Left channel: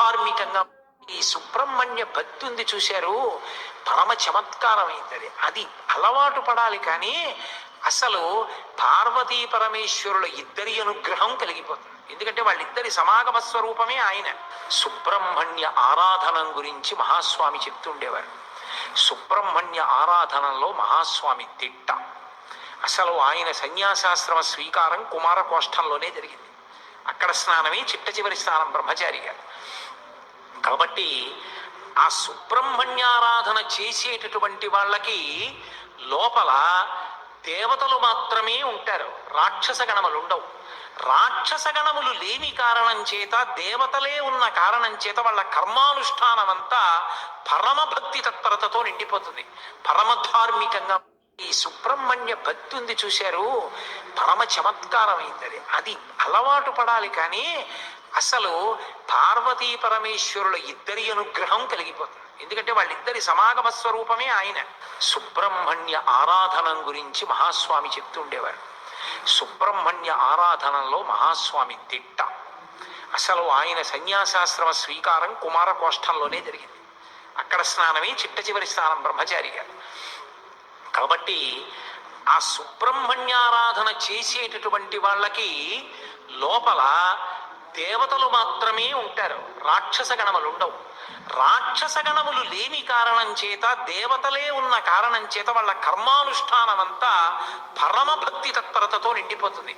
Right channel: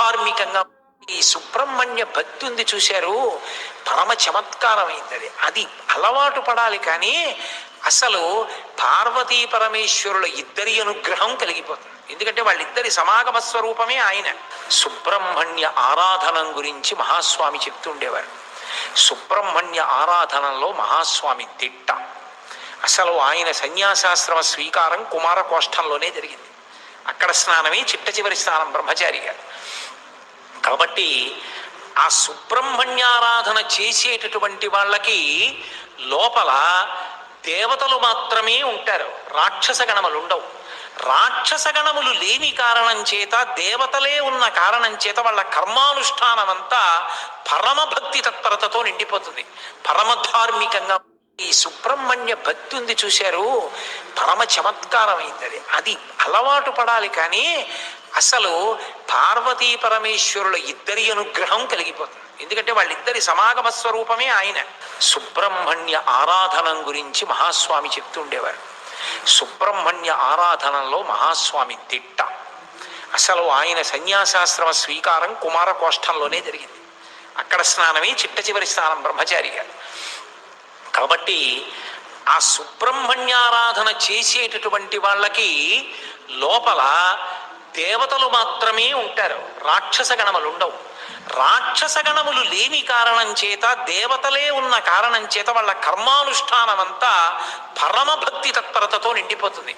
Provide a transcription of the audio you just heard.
పరమధార్మికంగా ఈ సుబ్రహ్మణ్య భక్తి ఉంది చూశారు, పరమ చమత్కారమైంది అది. అది అలవాటు పడాలి. కానీ అసలు పార్వతీ పరమేశ్వరుల ఇద్దరి అనుగ్రహం కలిగిపోతుంది. ఎందుకంటే వాళ్ళిద్దరి సమాగమ స్వరూపమే ఆయన. సుబ్రహ్మణ్య ఆరాధనం గురించి మహాస్వామి చెప్తుండేవారు. సుబ్రహ్మణ్య ఆరాధనలో మహాస్వామి దిట్ట. అసలు ఆయన సన్యాసాశ్రమ స్వీకారం కుమారకోష్టంలోనే జరిగింది. అక్కడ స్నానమే చిట్ట చివరి స్నానం బ్రహ్మచారి గారు. కాబట్టి ఆ సుబ్రహ్మణ్యారాధన చేసేటటువంటి వాళ్ళకి లోపల దేవతలు మాత్రమే ఉంటారు, రాక్షస గణములు ఉండవు. రాక్షస గణములు లేని కారణం చేత, దేవతలే ఉన్న కారణం చేత వాళ్ళ కర్మానుష్ఠానం అంతా పరమభక్తి తత్పరతతో నిండిపోతుంది, పరమధార్మికంగా. ఈ సుబ్రహ్మణ్య భక్తి ఉంది చూశారు, పరమ చమత్కారమైంది అది. అది అలవాటు పడాలి. కానీ అసలు పార్వతీ పరమేశ్వరుల ఇద్దరి అనుగ్రహం కలిగిపోతుంది. ఎందుకంటే వాళ్ళిద్దరి సమాగమ స్వరూపమే ఆయన. సుబ్రహ్మణ్య ఆరాధనం గురించి మహాస్వామి చెప్తుండేవారు. సుబ్రహ్మణ్య ఆరాధనలో మహాస్వామి దిట్ట. అసలు ఆయన సన్యాసాశ్రమ స్వీకారం కుమారకోష్టంలోనే జరిగింది. అక్కడ స్నానమే చిట్ట చివరి స్నానం బ్రహ్మచారి గారు. కాబట్టి ఆ సుబ్రహ్మణ్యారాధన చేసేటటువంటి వాళ్ళకి లోపల దేవతలు మాత్రమే ఉంటారు, రాక్షస గణములు ఉండవు. రాక్షస గణములు లేని కారణం చేత, దేవతలే ఉన్న కారణం చేత వాళ్ళ కర్మానుష్ఠానం అంతా పరమభక్తి తత్పరతతో నిండిపోతుంది.